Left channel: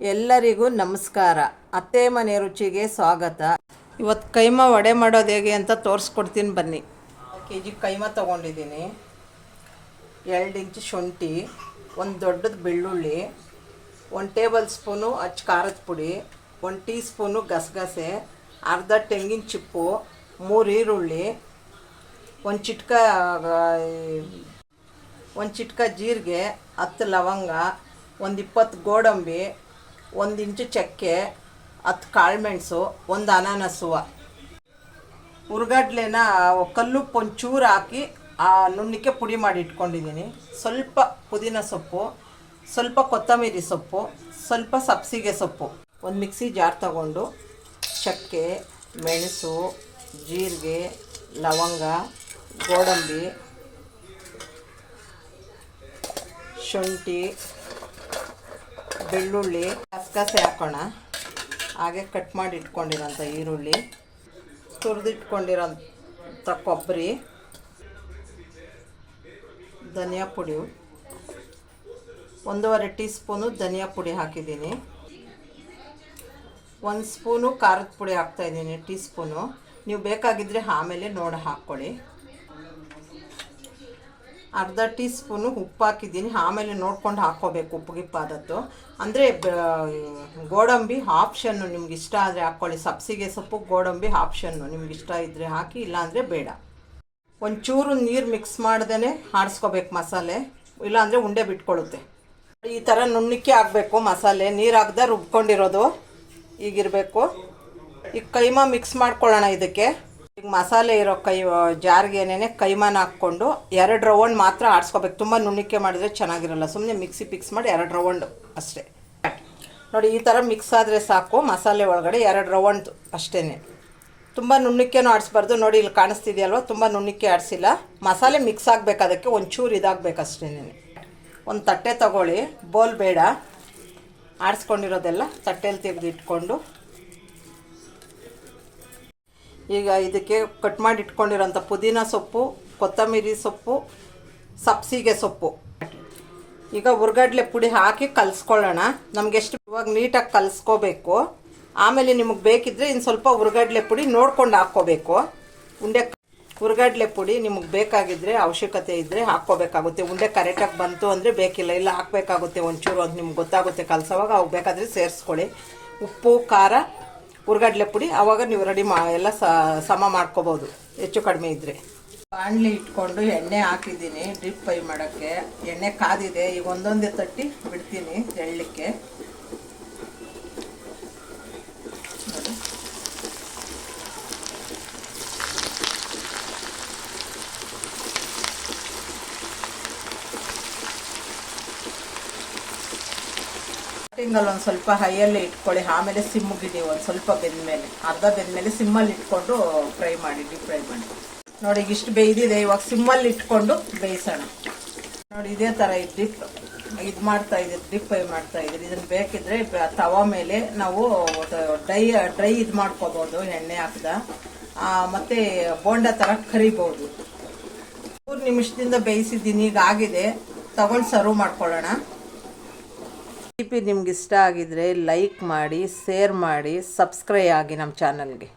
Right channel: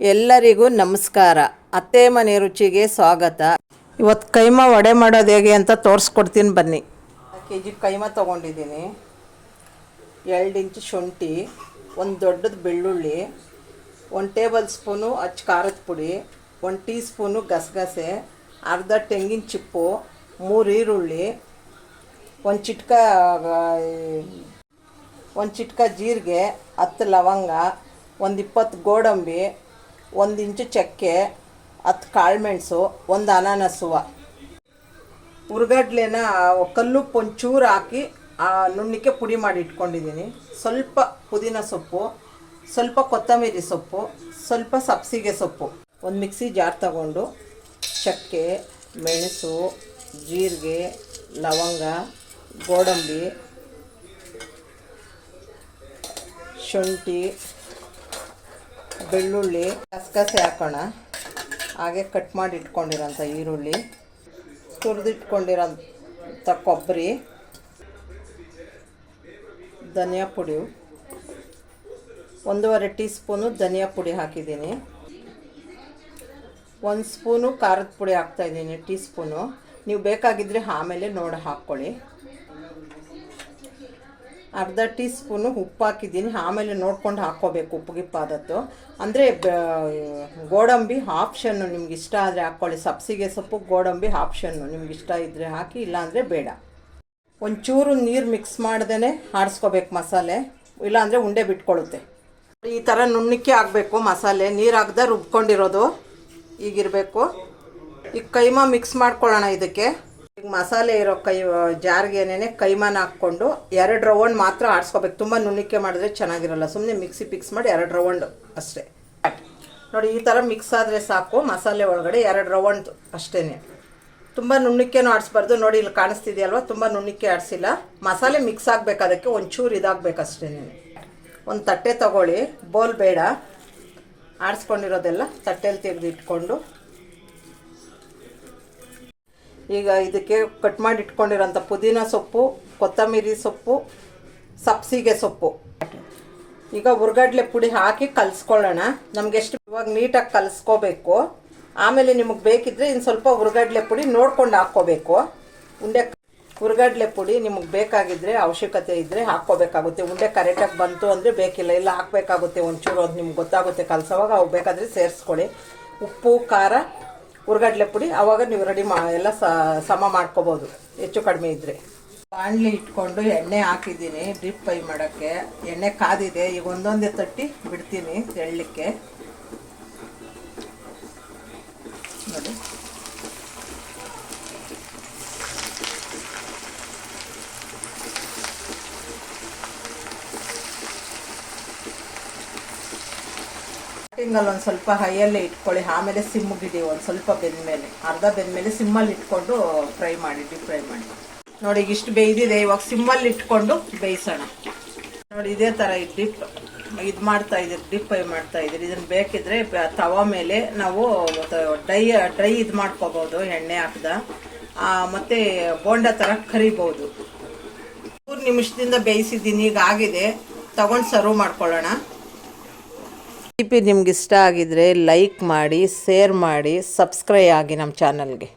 ಎಲ್ಲರಿಗೂ ನಮಸ್ಕಾರ. ಅತ್ತೆ ಮನೆ ರುಚಿಗೆ ಸ್ವಾಗತ. ಇವತ್ತು ಕೈಮಾ ವಡೆ ಮಾಡೋದು ಹೇಗೆ ಅಂತ ತೋರಿಸ್ಕೊಡ್ತೀನಿ ಬನ್ನಿ. ಕೆಜಿ ಕೈಮಾ ತೊಗೊಂಡಿದ್ದೀನಿ, 2 ಇಂಚು ಶುಂಠಿ, ಒಂದು ದೊಡ್ಡದು ಬೆಳ್ಳುಳ್ಳಿ, 1 ಟೇಬಲ್ ಸ್ಪೂನು ಅಚ್ಚ ಖಾರದ ಪುಡಿ, 1 ಟೀ ಸ್ಪೂನು ಗಸಗಸೆ, ಅರ್ಧ ತೆಂಗಿನ ಚಿಪ್ಪು, 3 ಈರುಳ್ಳಿ, ಒಂದು ಚಿಟ್ಕ ಜೀರಿಗೆ, 10 ಲವಂಗ, ಒಂದು 20 ಗೋಡಂಬಿ, 1 ಇಂಚು ಚಕ್ಕೆ, 10 ಕಾಳುಮೆಣಸು, 1 ಅನಾನಸುವ. ಹುರ್ಗಡ್ಲೆನ ಕಲ್ಲುಪ್ಪು ಒಂಚೂರು ಹಾಕಿ ನುಣ್ಣಕ್ಕೆ ಪುಡಿ ಮಾಡಿ ಇಟ್ಕೊಂಡಿದ್ದೀನಿ. ಸ್ವಲ್ಪ ಪುದೀನ ಸೊಪ್ಪು, ಸ್ವಲ್ಪ ಕೊತ್ತಂಬರಿ ಸೊಪ್ಪು, ಸ್ವಲ್ಪ ಸಬ್ಸಿಗೆ ಸೊಪ್ಪು. ಒಂದು ಮಿಕ್ಸಿ ಜಾರ್ ತಗೊಂಡು ಚಕ್ಕೆ, ಮೆಣಸು, ಜೀರಿಗೆ, ಲವಂಗ, ಗೋಡಂಬಿ, ಶುಂಠಿ, ಬೆಳ್ಳುಳ್ಳಿ, ಗಸಗಸೆ ಹಾಕೋಣ. ಹಾಗೆ ಕಟ್ ಮಾಡಿ ಇಟ್ಕೊಂಡಿರೋಂಥ ಈರುಳ್ಳಿ, ತುರಿದಿಟ್ಕೊಂಡಿರೋಂಥ ಕೊಬ್ಬರಿ, ಧನಿಯಾ ಪುಡಿ, 1.5 ಟೀ ಸ್ಪೂನು ಧನಿಯಾ ಪುಡಿ ಹಾಕಿದ್ದೀನಿ. 1 ಸ್ಪೂನು ಖಾರದ ಪುಡಿ ಹಾಕ್ತಾಯಿದ್ದೀನಿ, ಟೀ ಸ್ಪೂನು. ನೀವು ಬೇಕಾಗಿದ್ದರೆ ಆಮೇಲೆ ನೋಡಿ ಹಾಕ್ಕೊಳ್ಳಿ. ಅರ್ಧ ಟೀ ಸ್ಪೂನು ಉಪ್ಪು ಹಾಕಿದ್ದೀನಿ, ಆಮೇಲೆ ನೋಡ್ಕೊಂಡು ಹಾಕ್ಕೋಬೇಕು ಉಪ್ಪು ಗಿಪ್ಪಾದದ್ದು. ಅಂದರೆ ಗೋಡಂಬಿ ಆಪ್ಷನ್ನು, ನಿಮ್ಗೆ ಇಷ್ಟ ಆದರೆ ಹಾಕ್ಕೊಳ್ಳಿ. ಸಬ್ಸಿಗೆ ಸೊಪ್ಪು, ಗೋಡಂಬಿ ಆಪ್ಷನ್ನು, ನಿಮ್ಗೆ ಇಷ್ಟ ಇದ್ದರೆ ಹಾಕಿ, ಇಲ್ಲಾಂದರೆ ಬೇಡ. ಒಂಚೂರು ನೀರು ಮಿಕ್ಸ್ ಮಾಡ್ದೇ ಆಡಿಸ್ಕೋಬೇಕು ಮಸಾಲೆ, ಇಲ್ಲಾಂದರೆ ಉಂಡೆ ಬಿಟ್ಕೊಳ್ಳುತ್ತೆ. ಈ ಥರ ನುಣ್ಣಕ್ಕೆ ಆಗಬೇಕು ಮಸಾಲೆ, ನೀರು ಹಾಕ್ದೆ ರುಬ್ಕೊಂಡಿರೋದು ಈಗಿರಬೇಕು. ಈಗ ಕೈಮಾ ಮಿಕ್ಸ್ ಮಾಡ್ಕೊಳ್ಳೋಣ. ಇದಕ್ಕೆ ಈಗ ಮಸಾಲೆ ಇರೋ ಜಾರ್ಗೆನೇ ಕೈಮಾನ ಹಾಕ್ಕೊಂಡು 2 ರೌಂಡ್ ಮಾತ್ರ ಆಡಿಸ್ಕೋಬೇಕು. ತುಂಬ ನುಣ್ಣಕ್ಕೆ ಮಾಡಿದ್ರೆ ಚೆನ್ನಾಗಿರಲ್ಲ. ಸುಮ್ಮನೆ ಮಿಕ್ಸಿ ಫಿಕ್ಸ್ ಮಾಡಿ 2 ರೌಂಡು ಅಷ್ಟೇ. ನೋಡಿ, ಈ ಥರ ಮಿಕ್ಸ್ ಆದರೆ ಸಾಕು. ಮಸಾಲೆ ಒಳಗಡೆ 2 ರೌಂಡ್ ಅಷ್ಟೇ. ತುಂಬ ನುಣ್ಣಕ್ಕೇನು ಆಡಿಸ್ಬಾರ್ದು. ನೋಡಿ, ಇಲ್ಲಿ ಕಾಣಿಸ್ತಿದೆಯಲ್ವ, ತುಂಬ ನುಣ್ಣಕ್ಕೆ ಆಡಿಸಿಲ್ಲ. ಮಸಾಲೆ ಮಿಕ್ಸ್ ಆಗಬೇಕು, ಅದಕ್ಕೆ ಒಂಚೂರು ಇದಾಗಬೇಕು ಅಷ್ಟೇ. ಒಂದು ತಟ್ಟೆ ತಗೊಳ್ಳಿ, ಬೋಲ್ ಬೇಡ. ಆಡಿಸ್ಕೊಂಡಿರೋದೆಲ್ಲ ತಟ್ಟೆಯಲ್ಲಿ ತೆಗೆದು ಇಟ್ಕೊಂಡು, ಈಗ ಇದಕ್ಕೆ ಕಟ್ ಮಾಡಿ ಇಟ್ಕೊಂಡಿರೋಂಥ ಪುದೀನ ಸೊಪ್ಪು, ಕೊತ್ತಂಬರಿ ಸೊಪ್ಪು, ಸಬ್ಸಿಗೆ ಸೊಪ್ಪು, ಈಗ ಹುರ್ಗಡ್ಲೆ ಪುಡಿ ಹಾಕಿ ಕಲಿಸ್ಕೊಳ್ಳೋಣ. ನಮ್ಗೆ ಎಷ್ಟು ಇವಾಗ ನೀಟಾಗಿ ಕಲಿಸ್ಕೋಬೇಕು. ಆಮೇಲೆ ನಿಮಗೆ ಬೇಕಿದ್ರೆ ಇನ್ನು ಸ್ವಲ್ಪ ಹುರ್ಗಡ್ಲೆ ಪುಡಿ ನೋಡ್ಕೊಂಡು ಹಾಕ್ಕೋಬೇಕು. ಹುರ್ಗಡ್ಲೆ ಪುಡಿ ನಿಮಗೆ ಬೇಕಾಗಿದ್ದರೆ, ಅವಶ್ಯಕತೆ ಇದ್ದರೆ ಹಾಕ್ಕೋಬೇಕಾಗುತ್ತೆ. ಉಂಡೆ ಕರೆಕ್ಟಾಗಿ ಬಂತು ಅಂದರೆ ಬೇಕಿಲ್ಲ, ಇಲ್ಲ ಹಾಕಬೇಕಾಗುತ್ತೆ ಒಂಚೂರು. ಅದು ನಿಮ್ಗೆ ಗೊತ್ತಾಗುತ್ತೆ ಕಲಿಸೋವಾಗ. ಅವು ಬೇಕಾದರೆ ಸೇರಿಸ್ಕೊಳ್ಳಿ. ಉಪ್ಪು, ಖಾರ, ಹುರ್ಗಡ್ಲೆ ಪುಡಿ, ಆವಾಗ ನೀವು ರೆಡಿ ಎಲ್ಲ ಸಮ ಮಾಡ್ಕೋಬೋದು, ಹೆಚ್ಚು ಕಡಿಮೆ ಇದ್ದರೆ. ಬಾಣಲಿ ಇಟ್ಕೊಂಡು ಎಣ್ಣೆ ಹಾಕಿದ್ದೀನಿ ಡೀಪ್ ಫ್ರೈ ಮಾಡೋಕ್ಕೆ. ಎಣ್ಣೆ ಕಾದಿದೆ. ಈಗ ಒಂದೊಂದೇ ತಟ್ಟಿ ಬಿಡ್ತೀನಿ ಎಳ್ಳಕ್ಕೆ. ನೋಡಿ, ಸ್ಟಾರ್ಟಿಂಗಲ್ಲಿ ಒಂದು ಸ್ವಲ್ಪ ಹೈಯಲ್ಲೇ ಇಟ್ಕೊಳ್ಳಿ, ಆಮೇಲೆ ಸಿಮ್ಗಿಡಿ. ಒಂದು ಸ್ವಲ್ಪ ಬೆಂದಮೇಲೆ, ಅರ್ಧ ಬೆಂದಮೇಲೆ ಸಿಮ್ಮಲ್ಲಿ ಇಟ್ಕೊಂಡು ಫ್ರೈ ಮಾಡಿ, ಡೀಪ್ ಫ್ರೈ ಮಾಡಿ. ನೋಡಿ, ಈಗ ಇಷ್ಟು ಬೇಯ್ದಿದೆ. ಇವಾಗ ಸಿಮ್ಮಲ್ಲಿ ಇಟ್ಕೊಂಡು ಬೇಯಿಸೋಣ. ನೋಡಿ, ಇದೇ ಥರ ಇದು ಮಾಡ್ತಾ ಇದ್ದೀರಿ, ಡೀಪ್ ಫ್ರೈ ಮಾಡ್ತಾ ಇದ್ದೀರಿ. ಇದನ್ನು ಬೇಕಿದ್ರೆ ತವಾ ಮೇಲೆ ನಾವು ಡ್ರೈ ಇದು ಮಾಡ್ಕೋಬಹುದು, ಎಣ್ಣೆ ಹಾಕ್ದ. ಮತ್ತೆ ಬೋಂಡ ಥರ ಕರಿಬಹುದು. 3 ನಿಮಿಷದಿಂದ ಬೇಯಿಸಿದ್ದೀನಿ. ಈಗ ಆಗಿದೆ. ತಗೊಂಡು ಸರ್ವ್ ಮಾಡ್ಕೊಳ್ಳೋಣ. ರೆಸಿಪಿ ನಿಮ್ಗೆ ಇಷ್ಟ ಆಗಿದ್ರೆ ಲೈಕ್ ಮಾಡಿ, ಶೇರ್ ಮಾಡಿ, ಸಬ್ಸ್ಕ್ರೈಬ್ ಆಗಿ ನಮ್ಮ ಚಾನಲ್ಗೆ.